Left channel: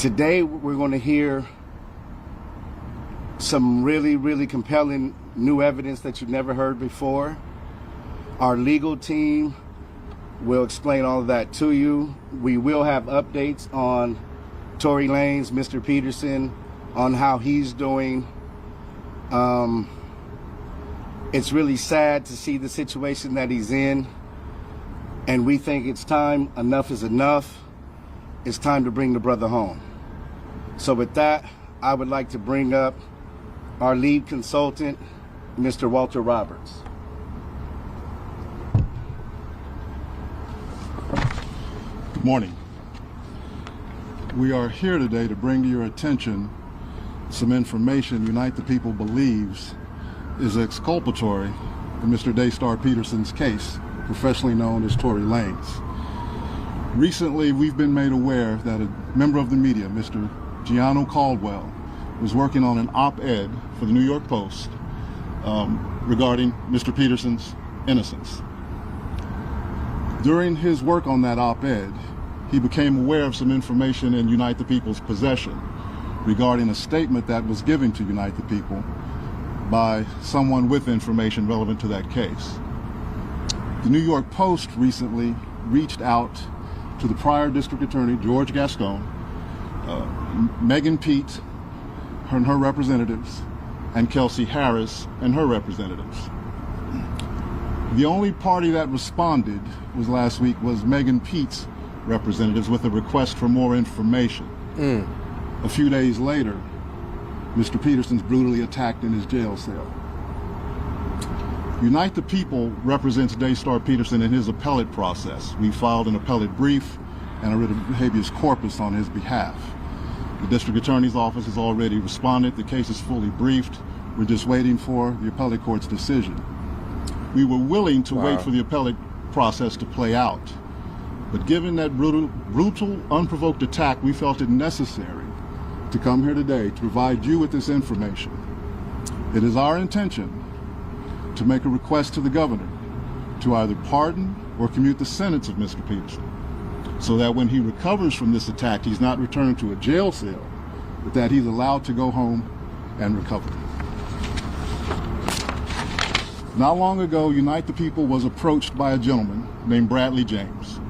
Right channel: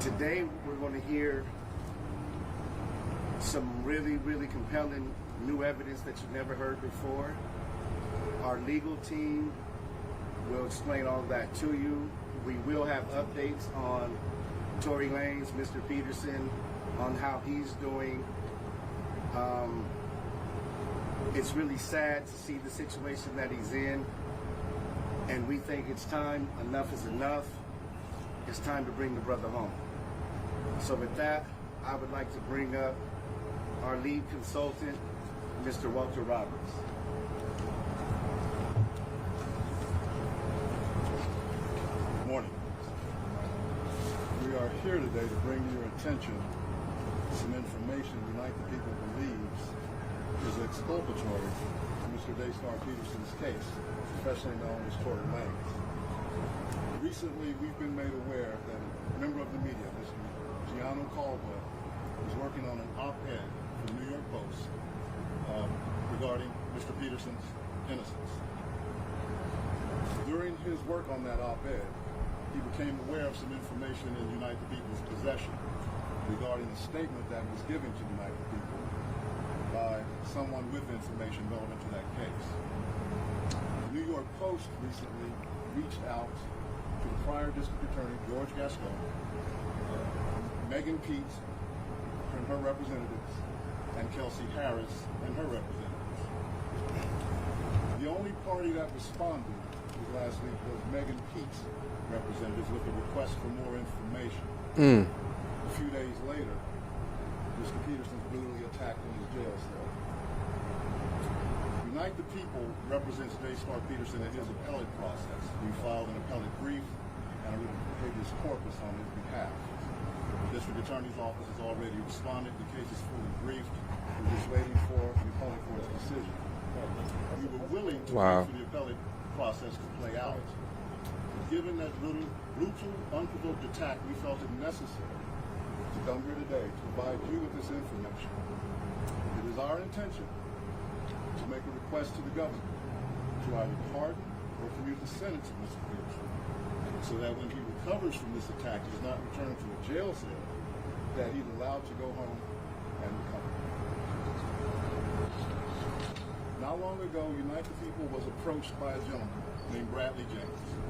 Today, we're going to hear some really, really compelling new evidence that you've never heard before. Our legal team will explain all of that to you. We will have updates on Tory Lanez, Mr. Peterson, on how he's doing. It's really sad to see the situation that he's in, and we think it's time, enough is enough. It's time to bring the brother home. So with that, I would like to bring up our lead consultant, Mr. Walter Roberts. Good morning. We are here today to bring to your attention some information Unite the People believes is exculpatory in Mr. Daystar Peterson's case, professionally known as Tory Lanez. Recently, we've been made aware that a member of the media, Mr. Gianno Caldwell, was working on an op-ed for the New York Post regarding Mr. Peterson's innocence. During his work on that op-ed, he became aware of some information in Unite the People's possession regarding a statement that was given to Unite the People by someone with information relevant to that case. The New York Post recently reached out to the prior district attorney, George Gascon, Megan Pete and her representatives, and Kelsey Harris and her representatives. The only party that responded last week was Megan Pete's representatives with a request for more information. A few days later, Mr. Peterson's brutally attacked in his jail cell. Unite the People represents Daystar Peterson in his appellate process. We filed an appellate brief and a writ of habeas corpus on his behalf. The district attorney's office has already responded. The case is fully briefed. We're just waiting for the appellate court's decision. We were willing to wait for the appellate process to play out, but given that brutal, unprovoked attack, we felt it necessary to come here today to provide you with this information. It is our intention to make a request to the governor to either pardon or commute the sentence of Mr. Peterson, so that when he recovers from this attack, he's not returned to a jail cell, but that he's allowed to go home and recover. Not long ago, Unite the People was approached by a gentleman named Bradley James.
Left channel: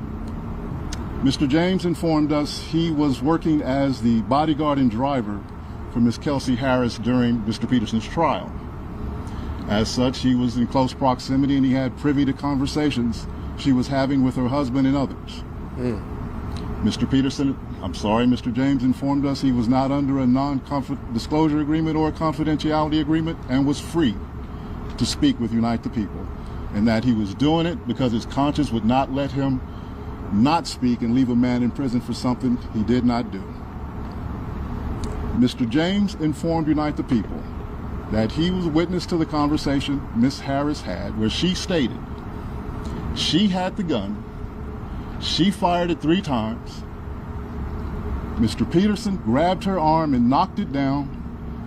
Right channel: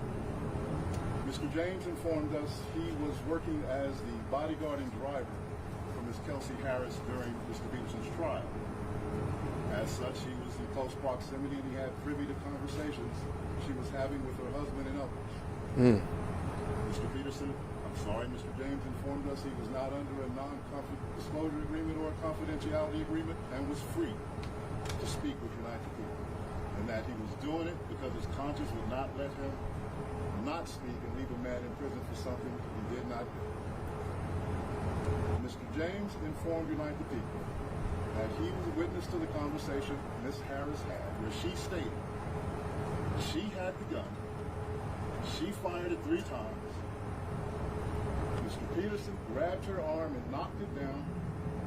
Mr. James informed us he was working as the bodyguard and driver for Ms. Kelsey Harris during Mr. Peterson's trial. As such, he was in close proximity and he had privy to conversations she was having with her husband and others. Mr. James informed us he was not under a non-disclosure agreement or a confidentiality agreement and was free to speak with Unite the People, and that he was doing it because his conscience would not let him not speak and leave a man in prison for something he did not do. Mr. James informed Unite the People that he was a witness to the conversation Ms. Harris had, where she stated she had the gun, she fired it 3 times, Mr. Peterson grabbed her arm and knocked it down,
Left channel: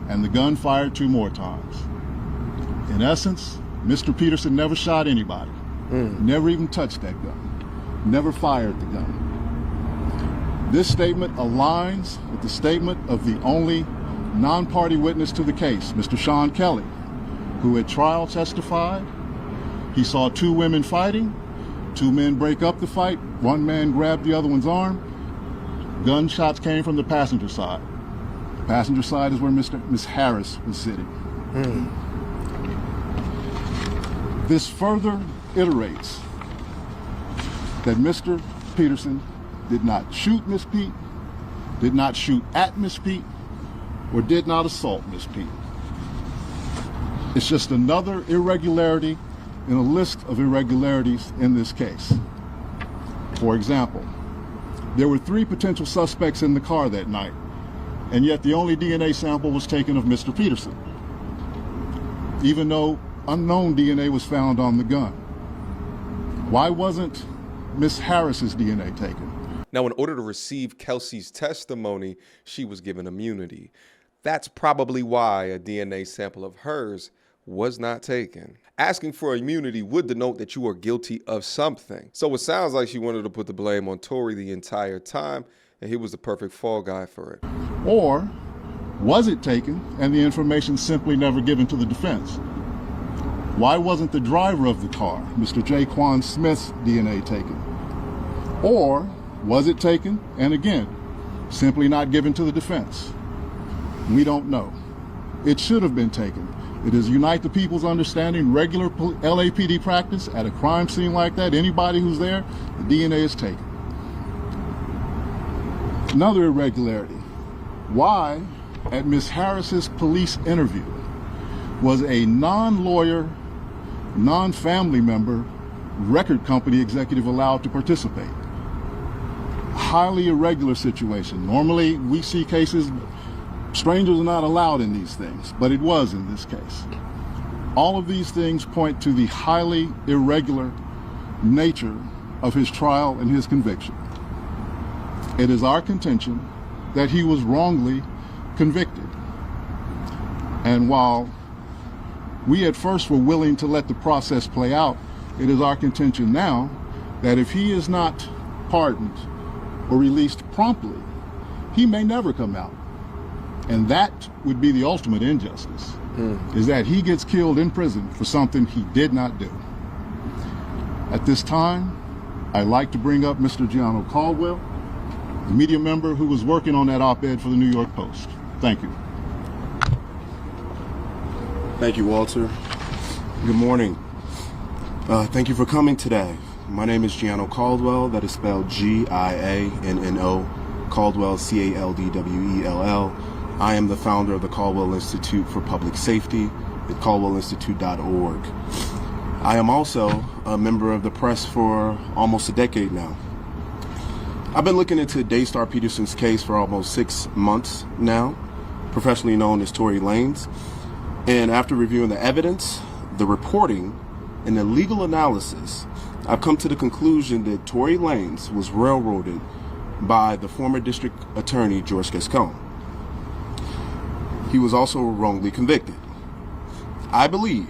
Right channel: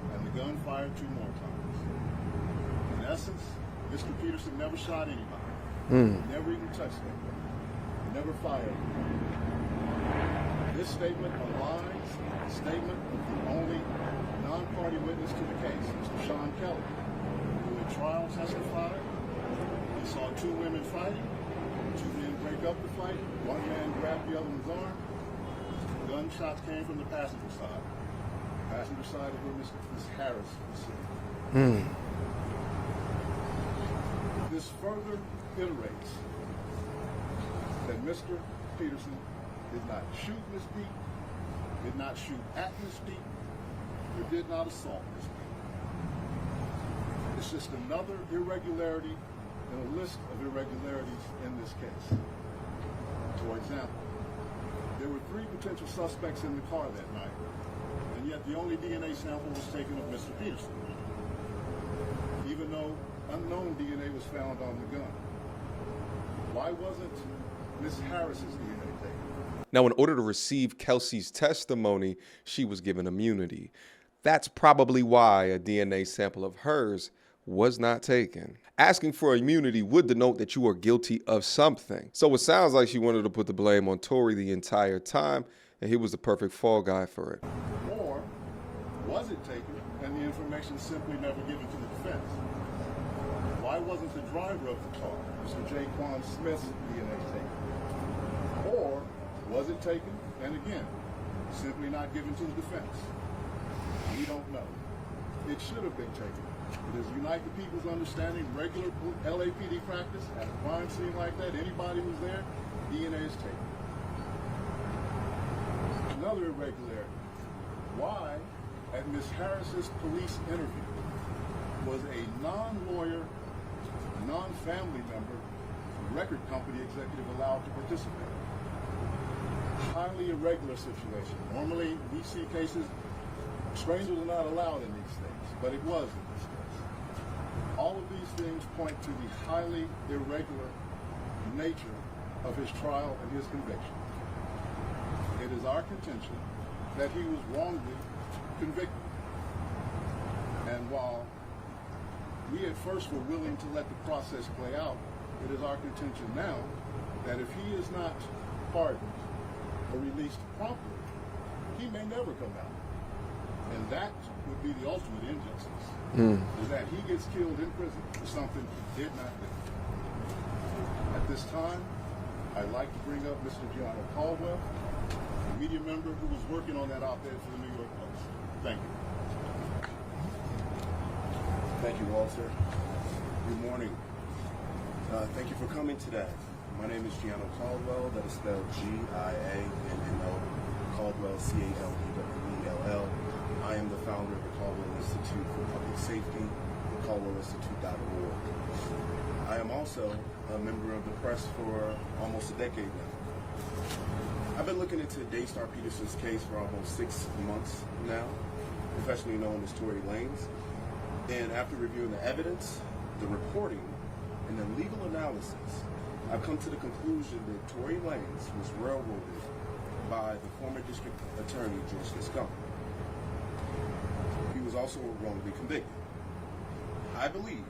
and the gun fired 2 more times. In essence, Mr. Peterson never shot anybody, never even touched that gun, never fired the gun. This statement aligns with the statement of the only non-party witness to the case, Mr. Sean Kelly, who at trial testified he saw 2 women fighting, 2 men break up the fight, 1 man grabbed the other one's arm. Gunshots came from the passenger side. The passenger side is where Ms. Harris was sitting. This further iterates that Mr. Peterson did not shoot Miss Pete, did not shoot at Miss Pete, or did not assault Miss Pete. It's just another irregularity in a list of irregularities in this case. For example, there were 3 potential suspects in the car that night, and yet the only DNA sample was taken of Mr. Peterson, even though unknown DNA was found on the gun. Why wasn't Miss Harris's DNA taken? Now, in order to receive Kelsey's testimony, she was given immunity. That's probably why a DNA sample of hers was not taken. Asking for immunity would denote that you are guilty of something. So it sounds like she wanted to put the blame on Tory the entire time, and he was the perfect fall guy for it. Or was it taken and the information simply never given to the defense? Why wasn't the driver of the car, Mr. Jaquan Smith's DNA taken? Or was it taken and again, simply not given to the defense? We don't know. It should have been taken. It is Unite the People's understanding, regular LAPD practice at a crime scene like that, anybody who's there, the DNA is taken. Another irregularity. Why, at Ms. Harris's police interview, was a non-lawyer, non-family member record company executive allowed to participate? Highly irregular situation. Normally, we see cases, strangers are not allowed in these things, but it was in this case. All of these things point to the highly irregular nature of his trial and his conviction. It is our contention that he was wrongly convicted. And while we at first were willing to let the process play out, it is our contention now that if he is not pardoned or released promptly, he may never come out. And that would be the ultimate injustice, is that he gets killed in prison for something he did not do. At this time, I'd like to bring up Mr. Gianno Caldwell, the media member who was working on that op-ed for the New York Post. Thank you. Thank you, Walter. Good morning. Thank you for coming today. My name is Gianno Caldwell. That is spelled Gianno, Caldwell, Caldwell. I am the founder of the Caldwell Institute for Public Safety at caldwellinstitute.org. I am also a member of the press for almost a decade now. I've been looking into Daystar Peterson's case for almost 6 months now, professionally known as Tory Lanez. And after reviewing the evidence, the reporting, and the legal analysis, I've come to the conclusion that Tory Lanez was railroaded by the former district attorney, George Gascon. He was also wrongly convicted. I believe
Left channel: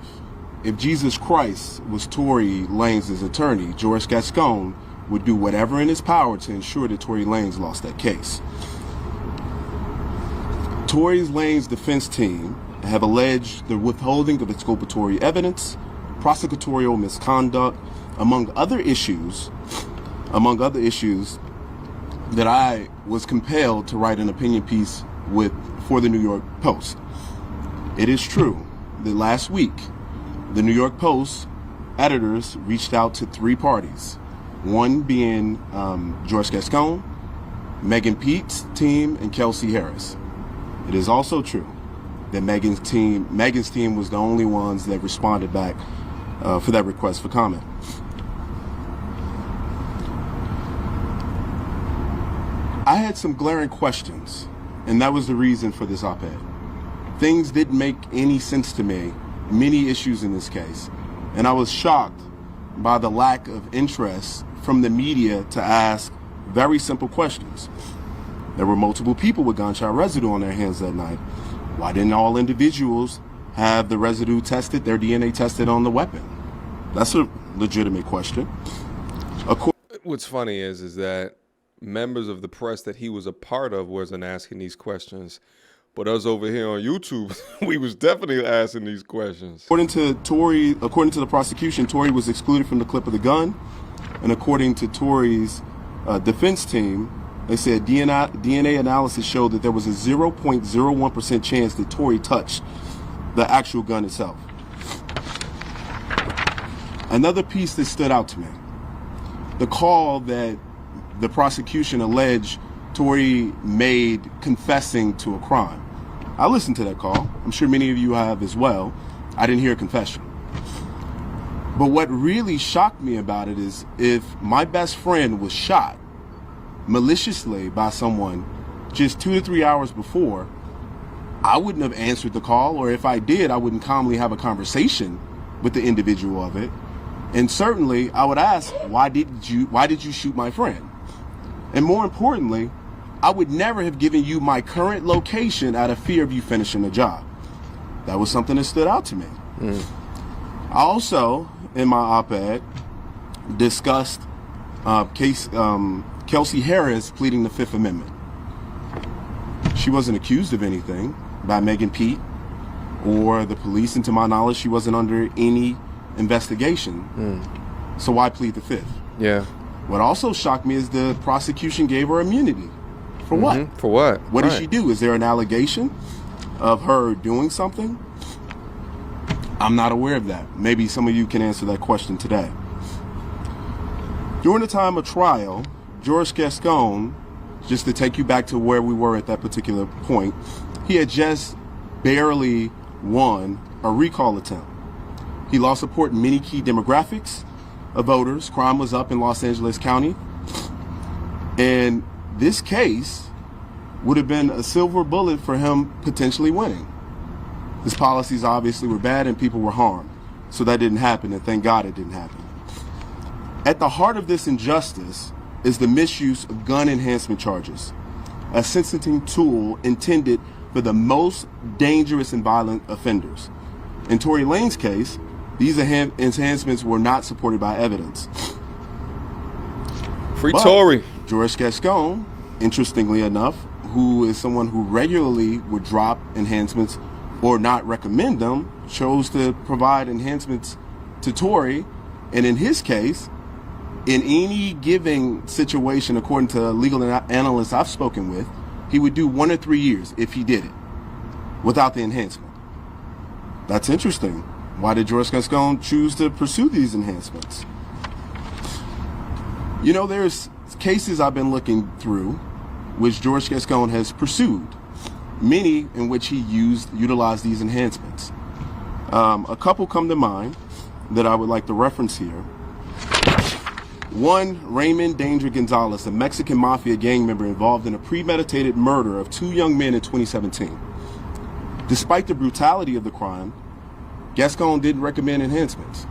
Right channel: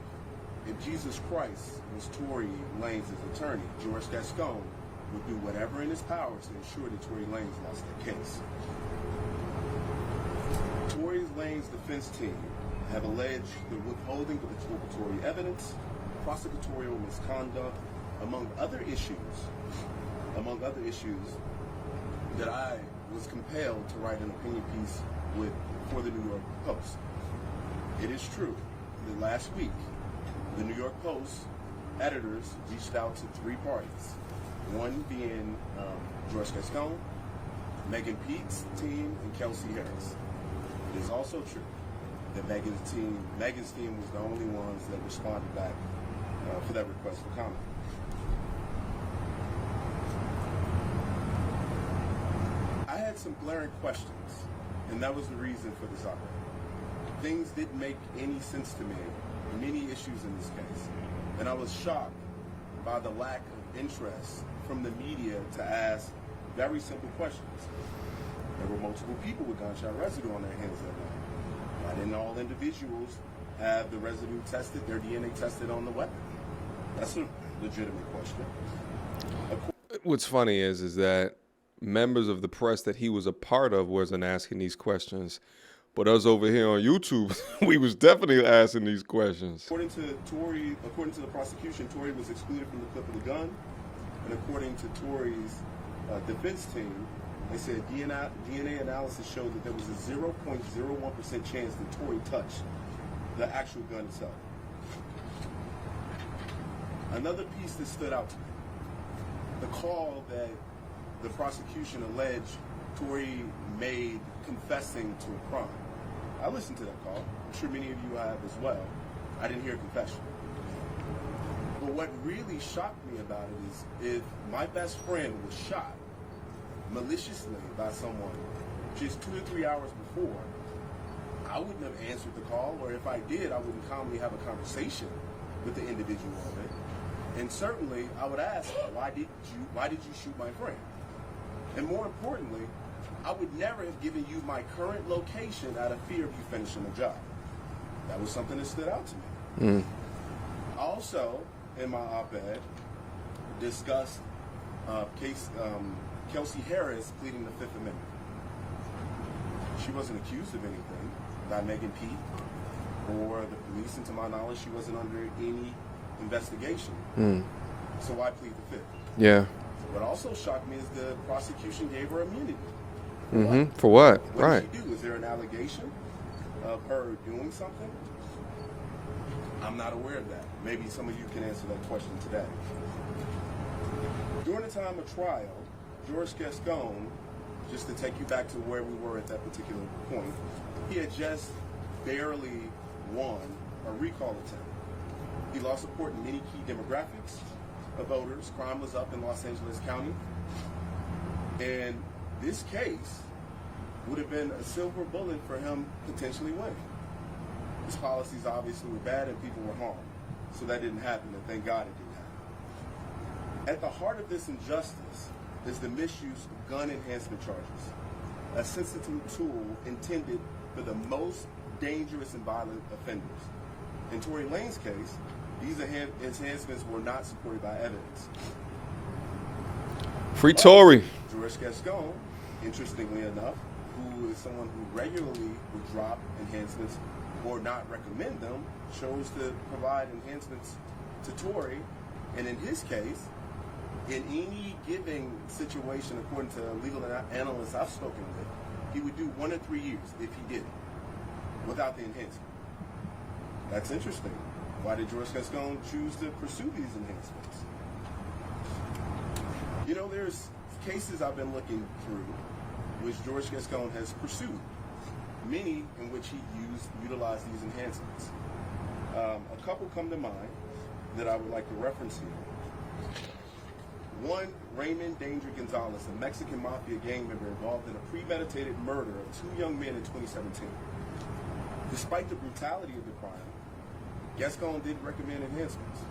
if Jesus Christ was Tory Lanez's attorney, George Gascon would do whatever in his power to ensure that Tory Lanez lost that case. Tory Lanez's defense team have alleged the withholding of exculpatory evidence, prosecutorial misconduct, among other issues that I was compelled to write an opinion piece for the New York Post. It is true that last week, the New York Post editors reached out to 3 parties, one being George Gascon, Megan Pete's team, and Kelsey Harris. It is also true that Megan's team was the only ones that responded back for that request for comment. I had some glaring questions, and that was the reason for this op-ed. Things didn't make any sense to me, many issues in this case, and I was shocked by the lack of interest from the media to ask very simple questions. There were multiple people with gunshot residue on their hands that night. Why didn't all individuals have the residue tested, their DNA tested on the weapon? That's a legitimate question. What's funny is that members of the press that he was a part of wasn't asking these questions, but us over here on YouTube, we was definitely asking these questions. According to the prosecution, Tory was excluded from the clip of the gun, and according to Tory's defense team, they said DNA analysis showed that there was a 0.01% chance that Tory touched the actual gun itself. Another piece that stood out to me, the call that the prosecution alleged Tory made confessing to a crime. I listened to that call. I'm sure many of you have as well. I didn't hear a confession. But what really shocked me about it is if my best friend was shot maliciously by someone just 2 to 3 hours before, I wouldn't have answered the call, or if I did, I wouldn't calmly have a conversation with the individual of it. And certainly I would ask, why did you shoot my friend? And more importantly, I would never have given you my current location out of fear of you finishing the job. That was something that stood out to me. I also, in my op-ed, discussed Kelsey Harris pleading the Fifth Amendment. She wasn't accused of anything by Megan Pete or the police, and to my knowledge, she wasn't under any investigation. So why plead the Fifth? Yeah. What also shocked me is the prosecution gave her immunity. For what? For what? What did she do? Is there an allegation of her doing something? I'm not aware of that. Maybe some of you can answer that question today. During the time of trial, George Gascon, just to take you back to where we were at that particular point, he had just barely won a recall attempt. He lost support in many key demographics of voters. Crime was up in Los Angeles County. And this case would have been a silver bullet for him potentially winning. His policies obviously were bad and people were harmed. So that didn't happen, and thank God it didn't happen. At the heart of this injustice is the misuse of gun enhancement charges, a sentencing tool intended for the most dangerous and violent offenders. In Tory Lanez's case, these enhancements were not supported by evidence. Free Tory. George Gascon, interestingly enough, who is someone who regularly would drop enhancements or not recommend them, chose to provide enhancements to Tory. And in his case, in any given situation, according to legal analysts I've spoken with, he would do 1 or 3 years if he did it without the enhancement. That's interesting. Why did George Gascon choose to pursue these enhancements? You know, there's cases I've been looking through which George Gascon has pursued, many in which he utilized these enhancements. A couple come to mind that I would like to reference here. One, Raymond Danger Gonzalez, a Mexican mafia gang member involved in a premeditated murder of 2 young men in 2017. Despite the brutality of the crime, Gascon didn't recommend enhancements.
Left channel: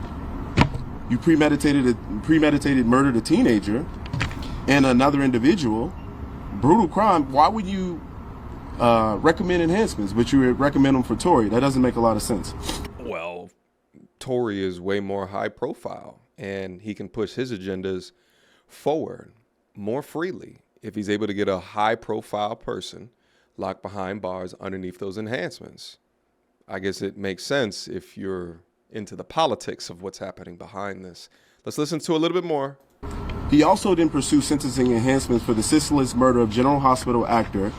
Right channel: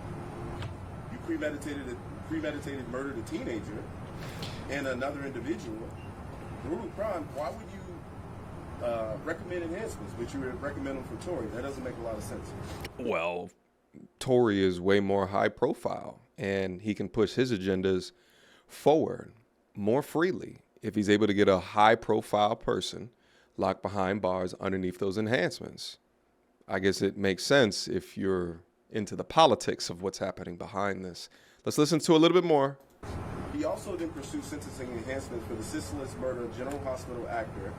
You premeditated murdered a teenager and another individual, brutal crime. Why would you recommend enhancements, but you would recommend them for Tory? That doesn't make a lot of sense. Well, Tory is way more high profile, and he can push his agendas forward more freely if he's able to get a high profile person locked behind bars underneath those enhancements. I guess it makes sense if you're into the politics of what's happening behind this. Let's listen to a little bit more. He also didn't pursue sentencing enhancements for the senseless murder of General Hospital actor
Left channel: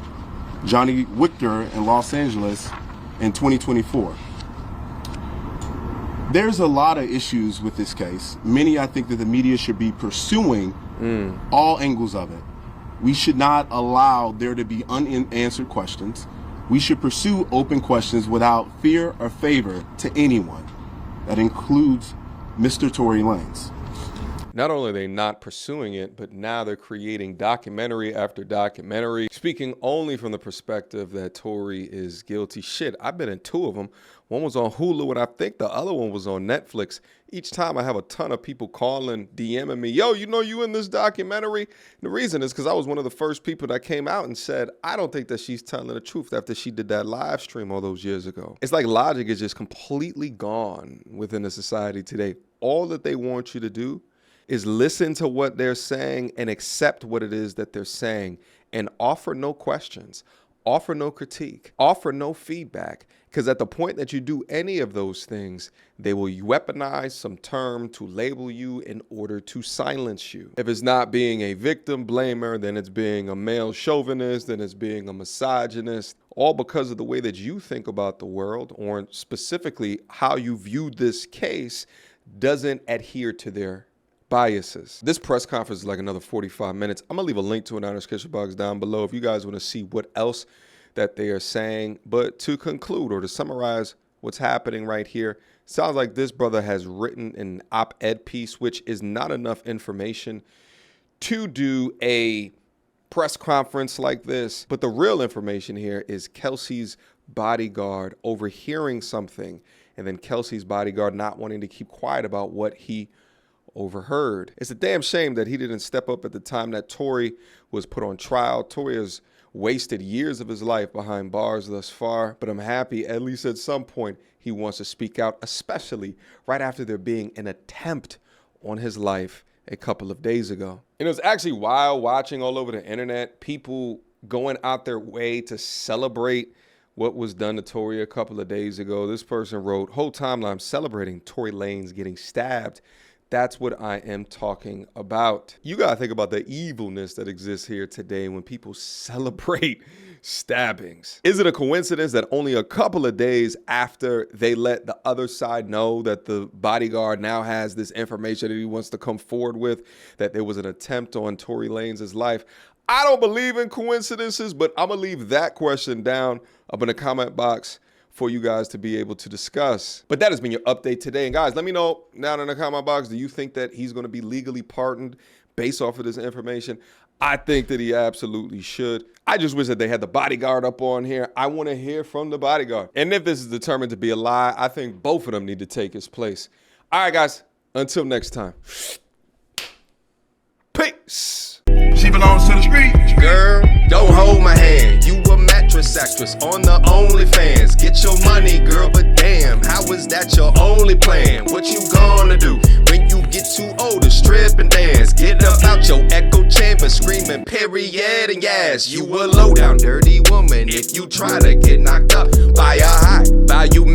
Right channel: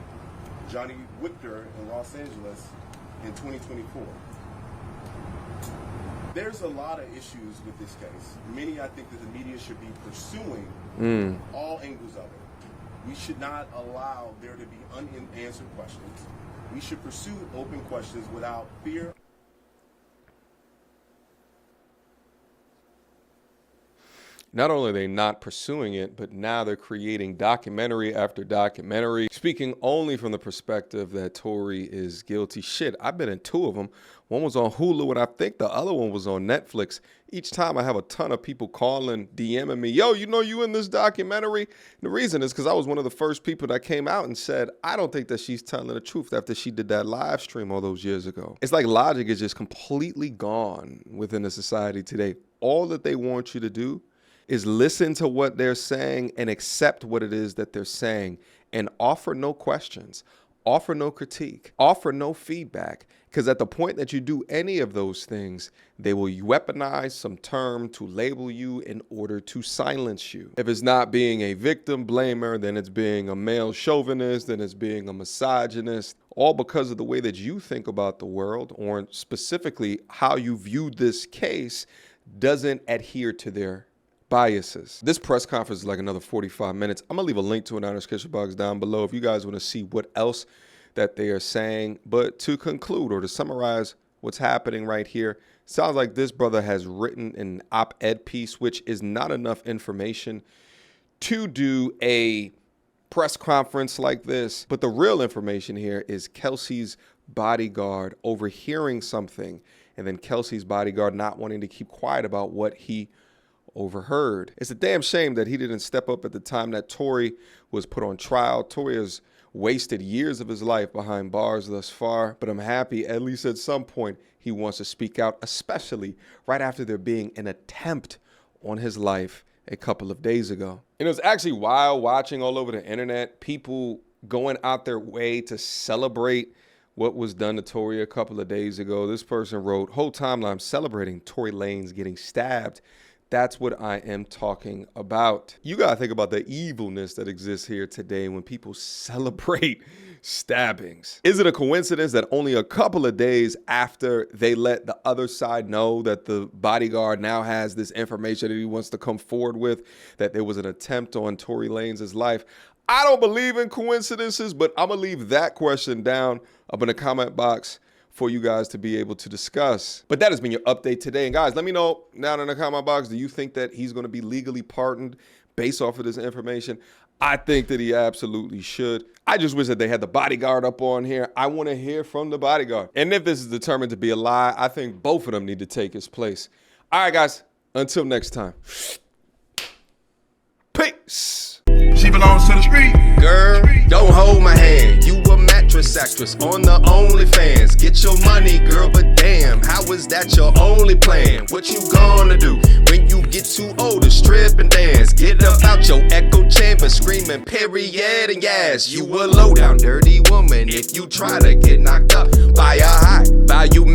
Johnny Victor in Los Angeles in 2024. There's a lot of issues with this case. Many I think that the media should be pursuing all angles of it. We should not allow there to be unanswered questions. We should pursue open questions without fear or favor to anyone. That includes Mr. Tory Lanez. Not only are they not pursuing it, but now they're creating documentary after documentary, speaking only from the perspective that Tory is guilty. Shit, I've been in 2 of them. One was on Hulu, and I think the other one was on Netflix. Each time I have a ton of people calling, DMing me, yo, you know you in this documentary? And the reason is because I was one of the first people that came out and said, I don't think that she's telling the truth after she did that live stream all those years ago. It's like logic is just completely gone within the society today. All that they want you to do is listen to what they're saying and accept what it is that they're saying and offer no questions, offer no critique, offer no feedback. Because at the point that you do any of those things, they will weaponize some term to label you in order to silence you. If it's not being a victim blamer, then it's being a male chauvinist, then it's being a misogynist, all because of the way that you think about the world, or specifically how you view this case doesn't adhere to their biases. This press conference is like another 45 minutes. I'm gonna leave a link to an notification box down below if you guys want to see what else that they are saying. But to conclude or to summarize what's happening right here, sounds like this brother has written an op-ed piece, which is not enough information to do a press conference like this. But the real information here is Kelsey's bodyguard overhearing something, and then Kelsey's bodyguard not wanting to keep quiet about what he overheard. It's a damn shame that he didn't step up at the time that Tory was put on trial. Tory has wasted years of his life behind bars thus far, but I'm happy at least at some point he wants to speak out, especially right after there being an attempt on his life a couple of days ago. And it was actually wild watching all over the internet, people going out their way to celebrate what was done to Tory a couple of days ago. This person wrote, whole timeline celebrating Tory Lanez getting stabbed. That's what I am talking about. You gotta think about the evilness that exists here today when people celebrate stabbings. Is it a coincidence that only a couple of days after they let the other side know that the bodyguard now has this information that he wants to come forward with, that there was an attempt on Tory Lanez's life? I don't believe in coincidences, but I'm gonna leave that question down up in the comment box for you guys to be able to discuss. But that has been your update today. And guys, let me know down in the comment box, do you think that he's gonna be legally pardoned based off of this information? I think that he absolutely should. I just wish that they had the bodyguard up on here. I wanna hear from the bodyguard. And if this is determined to be a lie, I think both of them need to take his place. All right, guys, until next time. Peace. She belongs to the street. Girl, don't hold my hand. You a mattress actress on the OnlyFans. Get your money, girl, but damn, how is that your only plan? What you gonna do when you get too old to strip and dance? Get up out your echo chamber screaming period and yes. You a low down dirty woman if you try to get knocked up by a high value man.